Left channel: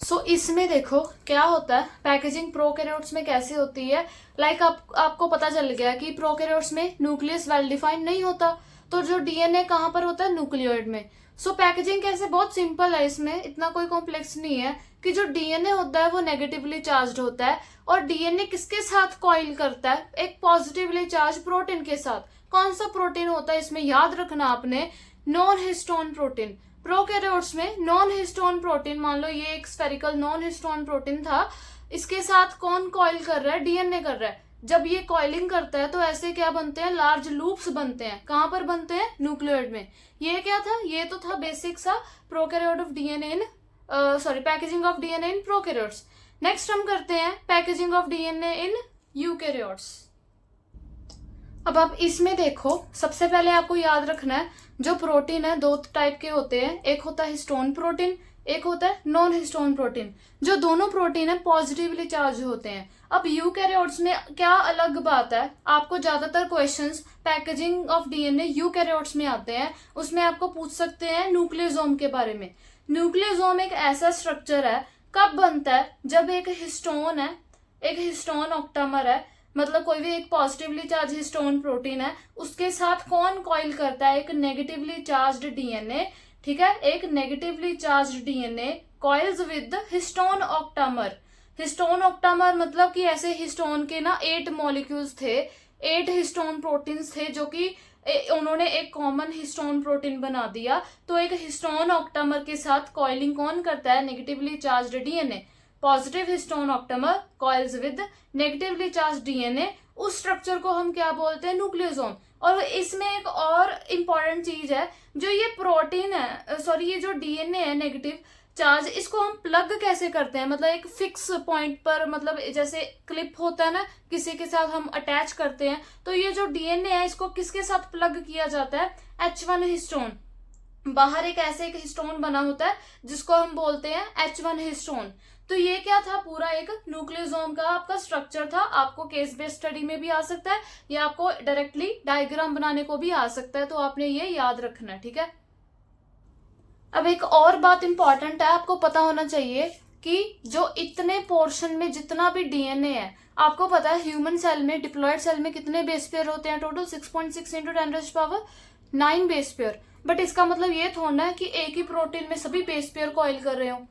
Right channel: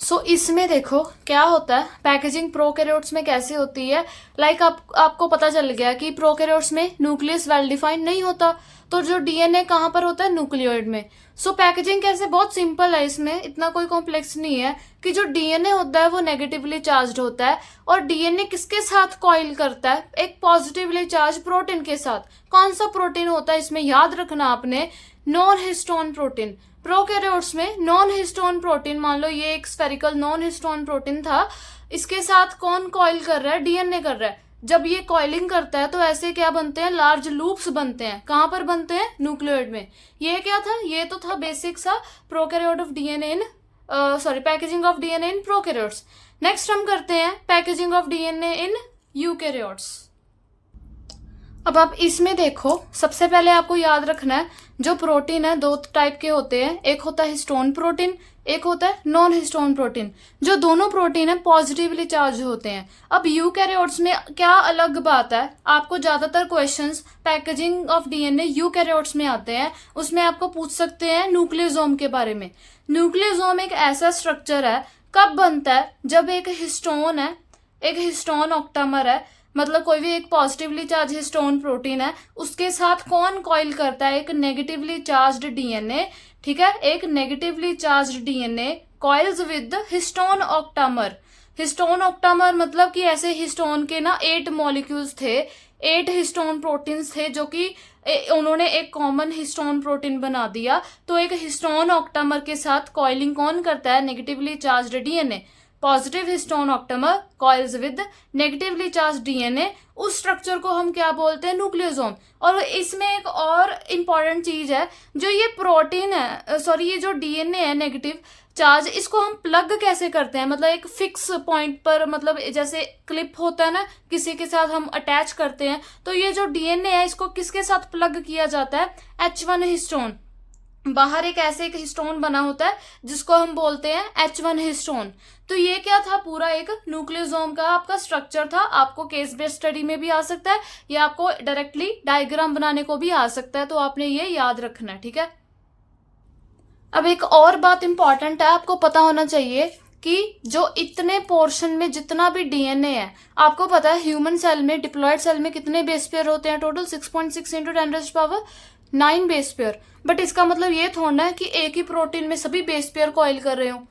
इसमें देखो क्या होता है, पैकेजिंग प्रोकैरियोट्स में कैसी होती है। आपको पता चल गया कि प्रोकैरियोट्स में न्यूक्लियस वेल डिफाइंड नहीं होता, तो जो डीएनए कहाँ पर होता है, न्यूक्लियोइड में। पैकेजिंग कैसे, बहुत सिंपल है, इसमें इतना कोई कॉम्प्लेक्स नहीं है कि जो डीएनए होता है वो नेगेटिवली चार्ज होता है, और डीएनए किसके साथ कॉइल करता है, एक पॉजिटिवली चार्ज प्रोटीन के साथ। कौन सा प्रोटीन होता है इसमें, याद रखना आपने, नॉन हिस्टोन प्रोटीन। प्रोकैरियोट्स में नॉन हिस्टोन प्रोटीन, मान लो ये एक स्फेरिकल नॉन हिस्टोन प्रोटीन था, इसके साथ कौन कॉइल कर रहा है, डीएनए कर रहा है। जब ये कॉइलिंग करता है तो ऐसे क्या बनते हैं, लार्ज लूप्स बनते हैं। कहां पर बनते हैं, न्यूक्लियोइड में। ये क्या था, ये तो था बेसिक सा prokaryote of DNA in packaging of DNA in prokaryotes. Next हम करते हैं packaging of DNA in eukaryotes. अब आप इसमें देखो, सबसे पहले आपको याद रखना है, जो प्रोटीन है दो टाइप के होते हैं, एक होता है हिस्टोन प्रोटीन, एक होता है नॉन हिस्टोन प्रोटीन। जो दोनों प्रोटीन है पॉजिटिवली चार्ज होते हैं। अब यूकैरियोट्स में क्या अलग बात है, आपको ज्यादातर questions packaging of DNA eukaryotes में आते हैं, उसमें आपको पूछ सकते हैं न्यूक्लियोसोम के बारे में। न्यूक्लियोसोम एक ऐसा स्ट्रक्चर है, कब बनता है, जब एक हिस्टोन है, एक हिस्टोन ऑक्टामर है, मतलब कोई भी एक पॉजिटिवली चार्ज हिस्टोन प्रोटीन है, उसके साथ कौन कॉइल करता है, एक नेगेटिवली चार्ज्ड डीएनए। ठीक है, एक negatively charged DNA coils with histone octamer. Histone octamer मतलब कि ऐसे हिस्टोन के ना 8 मॉलिक्यूल्स थे, 8 हिस्टोन प्रोटीन्स थे, जो कि उन्होंने एक कॉमन हिस्टोन प्रोटीन बना दिया। तो एक हिस्टोन ऑक्टामर के साथ कॉइलिंग कौन करता है, negatively charged DNA. Positive histone octamer coils with negatively charge DNA, उस स्ट्रक्चर को हम क्या बोलते हैं, न्यूक्लियोसोम। और इसमें एक और इंपॉर्टेंट चीज है, जो ये प्रोटीन है, सॉरी, ये जो डीएनए है नेगेटिव चार्ज, इसको हम प्लग कैसे करते हैं, मतलब एक फिक्स पॉइंट पर, मतलब जैसे क्लिप होता है ना, किसी के साथ हम अटैच करते हैं, तो ये जो डीएनए है इसको किसके साथ प्लग किया जाता है, H1 हिस्टोन। बाहर एक ऐसे एक हिस्टोन बना होता है जिसको हम बोलते हैं H1 हिस्टोन। तो ये क्या था, पूरा एक न्यूक्लियोसोम का आपका स्ट्रक्चर था। आपको केस बेस्ड स्टडी में भी आ सकता है, या आपको डायरेक्टली डायग्राम बनाने को भी आ सकता है, तो आपने ये याद रखना है। ठीक है, अब एक और बात इंपॉर्टेंट है, आपको पता होना चाहिए कि जो इतने पोर्शन में जितना भी डीएनए है, आपको पता है ह्यूमन सेल में, डिप्लॉयड सेल में कितने बेस पेयर होते हैं, total 6.6 into 10⁻⁹ base pair. But इसका मतलब ये थोड़ा है कि एक ही प्रोटीन में सभी बेस पेयर को ऑयल कर रहे हो।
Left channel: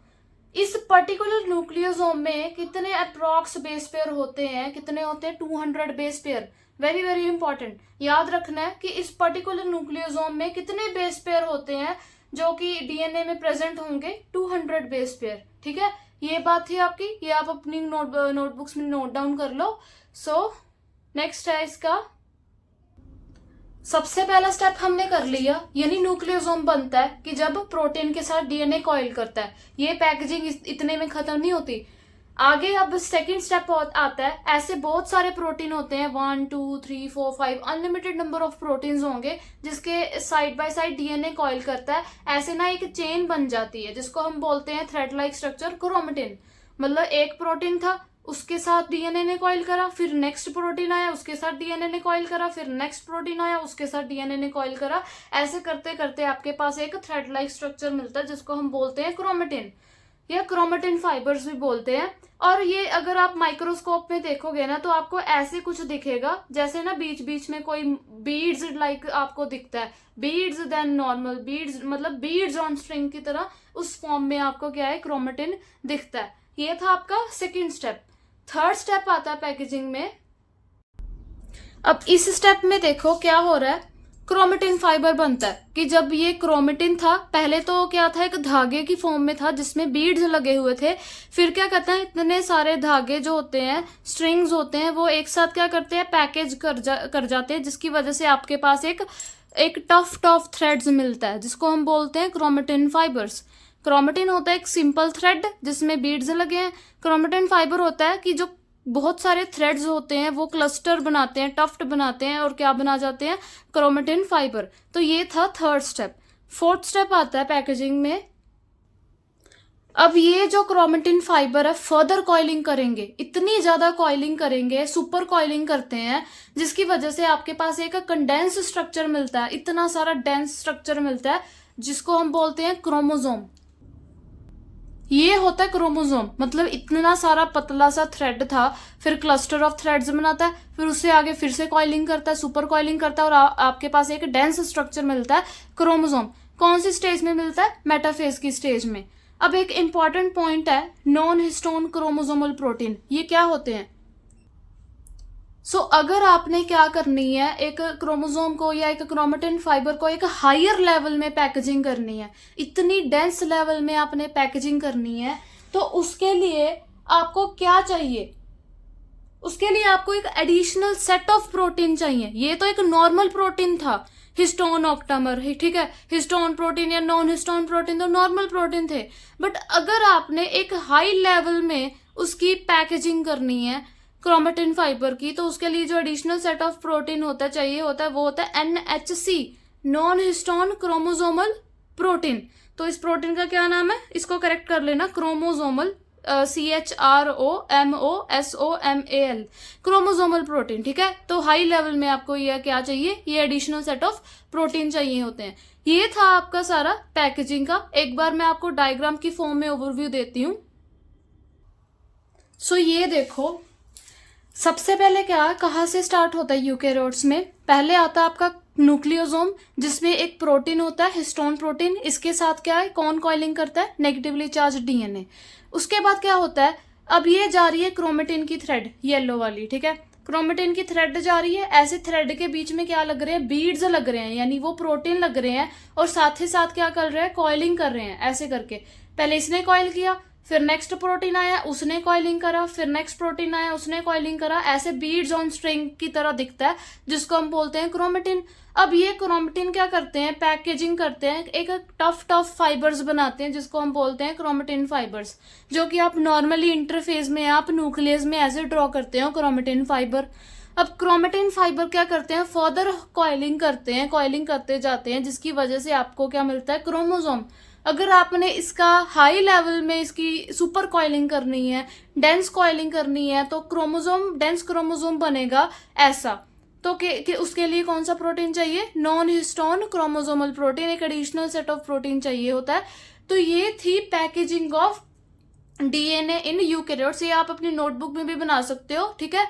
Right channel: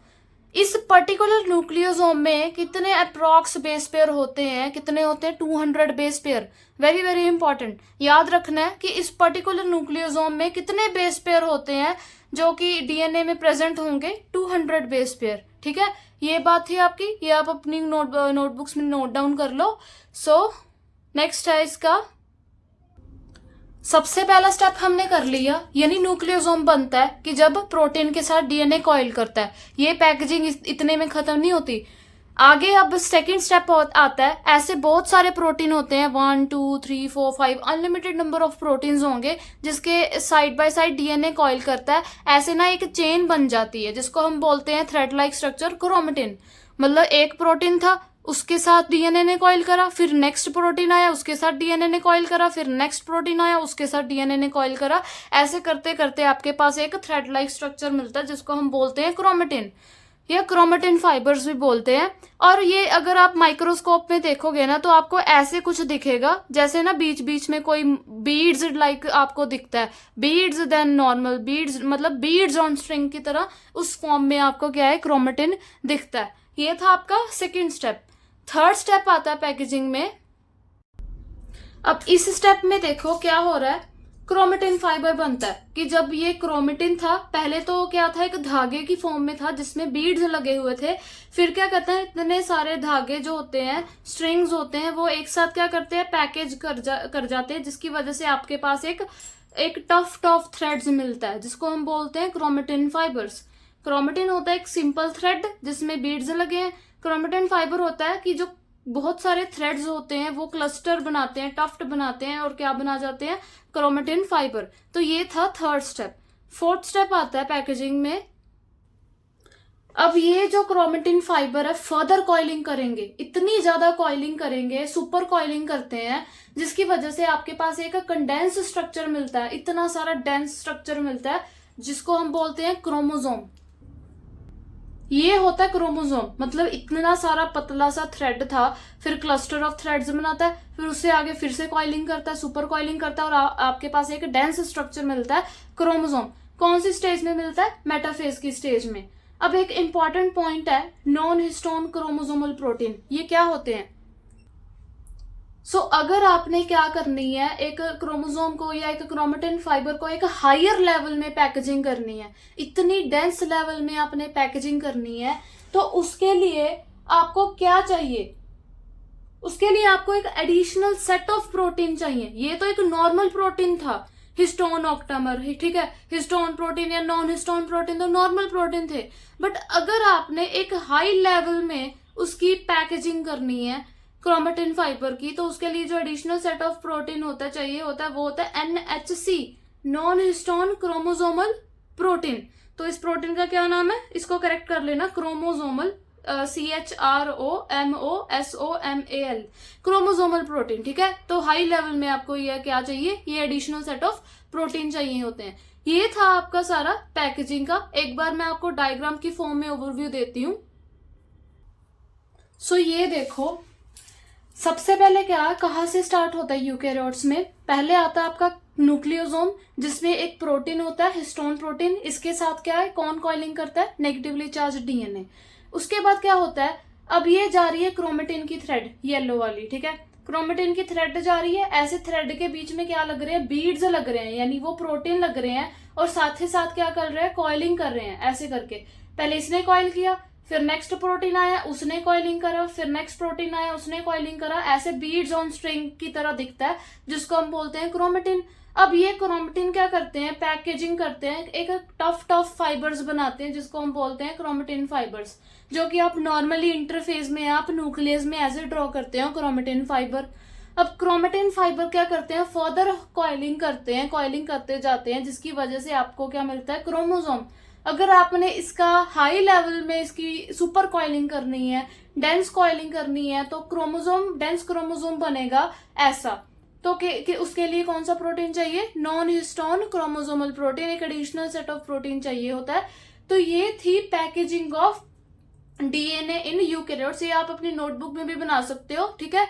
इस पर्टिकुलर न्यूक्लियोसोम में कितने अप्रॉक्स बेस पेयर होते हैं, कितने होते हैं, 200 base pair. Very very important, याद रखना है कि इस पर्टिकुलर न्यूक्लियोसोम में कितने बेस पेयर होते हैं जो कि डीएनए में प्रेजेंट होंगे, 200 बेस पेयर। ठीक है, ये बात थी आपकी, ये आप अपनी नोटबुक्स में नोट डाउन कर लो। नेक्स्ट है इसका, सबसे पहला स्टेप हमने कर लिया, यानी न्यूक्लियोसोम बनता है कि जब प्रोटीन के साथ डीएनए कॉइल करता है। ये पैकेजिंग इतने में खत्म नहीं होती, आगे अब सेकंड स्टेप आता है। ऐसे बहुत सारे प्रोटीन होते हैं, 1 2 3 4 5 अनलिमिटेड नंबर ऑफ प्रोटीन्स होंगे जिसके side by side DNA coil करता है। ऐसे ना एक चेन बन जाती है जिसको हम बोलते हैं थ्रेड लाइक स्ट्रक्चर, क्रोमेटिन। मतलब एक प्रोटीन था, उसके साथ डीएनए ने कॉइल करा, फिर नेक्स्ट प्रोटीन आया, उसके साथ डीएनए ने कॉइल करा, फिर नेक्स्ट प्रोटीन आया, उसके साथ डीएनए ने कॉइल करा। ऐसे करते करते आपके पास एक थ्रेड लाइक स्ट्रक्चर मिलता है जिसको हम बोलते हैं क्रोमेटिन, या क्रोमेटिन फाइबर्स भी बोलते हैं। और ये अगर आप माइक्रोस्कोप में देखोगे ना, तो आपको ऐसे कुछ दिखेगा, जैसे ना बीच बीच में कोई बीड्स लाइक आपको दिखता है, बीड्स देन नॉर्मल बीड्स, मतलब बीड्स ऑन स्ट्रिंग की तरह, उस फॉर्म में आपको क्या है, क्रोमेटिन दिखता है। ये था आपका सेकेंड स्टेप। थर्ड स्टेप आता है पैकेजिंग में। अब इस स्टेप में देखो क्या हो रहा है, क्रोमेटिन फाइबर बनता है। कि जब ये क्रोमेटिन था, पहले तो क्या था, एक धागे की फॉर्म में था जिसमें बीड्स लगे हुए थे। फिर क्या कहते हैं, इतने सारे धागे जो होते हैं, स्ट्रिंग्स होते हैं, वो एक साथ क्या करते हैं, पैकेज कर जाते हैं, जिसकी वजह से आपके पास एक टफ टफ थ्रेड्स मिलता है जिसको हम बोलते हैं क्रोमेटिन फाइबर्स। क्रोमेटिन होता है एक सिंपल थ्रेड जिसमें बीड्स लगे हैं। क्रोमेटिन फाइबर होता है कि जो बहुत सारे थ्रेड्स होते हैं वो क्लस्टर बनाते हैं, टफ्ट बनाते हैं, और क्या बना जाते हैं, क्रोमेटिन फाइबर। तो ये था थर्ड स्टेप। फोर्थ स्टेप आता है पैकेजिंग में। अब ये जो क्रोमेटिन फाइबर है, फर्दर कॉइलिंग करेंगे, इतनी ज्यादा कॉइलिंग करेंगे, सुपर कॉइलिंग करते हैं, जिसकी वजह से आपके पास एक कंडेंस स्ट्रक्चर मिलता है, इतना सारा डेंस स्ट्रक्चर मिलता है जिसको हम बोलते हैं क्रोमोसोम। ये होता है क्रोमोसोम, मतलब इतना सारा पतला सा थ्रेड था, फिर क्लस्टर ऑफ थ्रेड्स बनाता है, फिर उससे आगे फिर से कॉइलिंग करता है, सुपर कॉइलिंग करता है, और आपके पास एक डेंस स्ट्रक्चर मिलता है क्रोमोसोम। कौन सी स्टेज में मिलता है? मेटाफेज की स्टेज में। अब एक इंपॉर्टेंट पॉइंट है नॉन हिस्टोन क्रोमोसोमल प्रोटीन, ये क्या होते हैं? अगर आपने क्या करनी है, एक क्रोमोसोम को या एक क्रोमेटिन फाइबर को एक हायर लेवल में पैकेजिंग करनी है, इतनी डेंस लेवल में आपने पैकेजिंग करनी है, तो उसके लिए आपको क्या चाहिए? उसके लिए आपको एक एडिशनल सेट ऑफ प्रोटीन चाहिए। ये तो एक नॉर्मल प्रोटीन था, हिस्टोन ऑक्टामर, ठीक है, हिस्टोन प्रोटीन या नॉन हिस्टोन प्रोटीन तो नॉर्मल प्रोटीन थे। बट अगर आपने एक हाई लेवल में उसकी पैकेजिंग करनी है क्रोमेटिन फाइबर की, तो उसके लिए जो एडिशनल सेट ऑफ प्रोटीन होता चाहिए होता है, वो होता है NHC, non histone chromosomal protein. तो इस प्रोटीन का क्या नाम है? इसको करेक्ट कर लेना, क्रोमोसोमल, CHROMOSOMAL, क्रोमोसोमल प्रोटीन, ठीक है। तो हाई लेवल में आपको ये क्या चाहिए? ये एडिशनल सेट ऑफ प्रोटीन चाहिए होते हैं। ये था आपका सारा पैकेजिंग का। एक बार मैं आपको डायग्राम की फॉर्म में ओवरव्यू देती हूँ। ये देखो, सबसे पहले क्या, कहाँ से स्टार्ट होता है यूकेरियोट्स में? पहले आता है आपका न्यूक्लियोसोम, जिसमें एक प्रोटीन होता है हिस्टोन प्रोटीन। इसके साथ क्या है? कौन कॉइलिंग करता है? Negatively charge DNA। उसके बाद क्या होता है? अब ये जा रही है क्रोमेटिन की थ्रेड, येलो वाली, ठीक है, क्रोमेटिन की थ्रेड जा रही है। ऐसे थ्रेड के बीच में क्या लग रहे हैं? बीड्स लग रहे हैं, यानी वो प्रोटीन लग रहे हैं, और साथ ही साथ क्या कर रहे हैं? कॉइलिंग कर रहे हैं, ऐसे करके। पहले इसने कॉइल किया, फिर नेक्स्ट प्रोटीन आया, उसने कॉइलिंग करा, फिर नेक्स्ट प्रोटीन आया, उसने कॉइलिंग करा। ऐसे बीड्स ऑन स्ट्रिंग की तरह दिखता है, जिसको हम बोलते हैं क्रोमेटिन। अब ये क्रोमेटिन क्या करते हैं? पैकेजिंग करते हैं, एक टफ फाइबर्स बनाते हैं, जिसको हम बोलते हैं क्रोमेटिन फाइबर्स, जो कि आप नॉर्मली इंटरफेस में, आप न्यूक्लियस में ऐसे ड्रॉ करते हैं क्रोमेटिन फाइबर। अब क्रोमेटिन फाइबर क्या करते हैं? फर्दर कॉइलिंग करते हैं, कॉइलिंग करते जाते हैं, जिसकी वजह से आपको क्या मिलता है? क्रोमोसोम। अगर आपने इसका हाई लेवल में इसकी सुपर कॉइलिंग करनी है, डेंस कॉइलिंग करनी है, तो क्रोमोसोम, डेंस क्रोमोसोम बनेगा ऐसा। तो कि उसके लिए कौन सा प्रोटीन चाहिए? नॉन हिस्टोन क्रोमोसोमल प्रोटीन, एक एडिशनल सेट ऑफ प्रोटीन चाहिए होता है। तो ये थी packaging of DNA in eukaryotes. ये आप अपनी नोटबुक में भी बना सकते हो, ठीक है।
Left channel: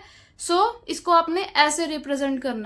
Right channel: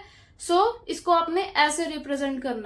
इसको आपने ऐसे रिप्रेजेंट करना है।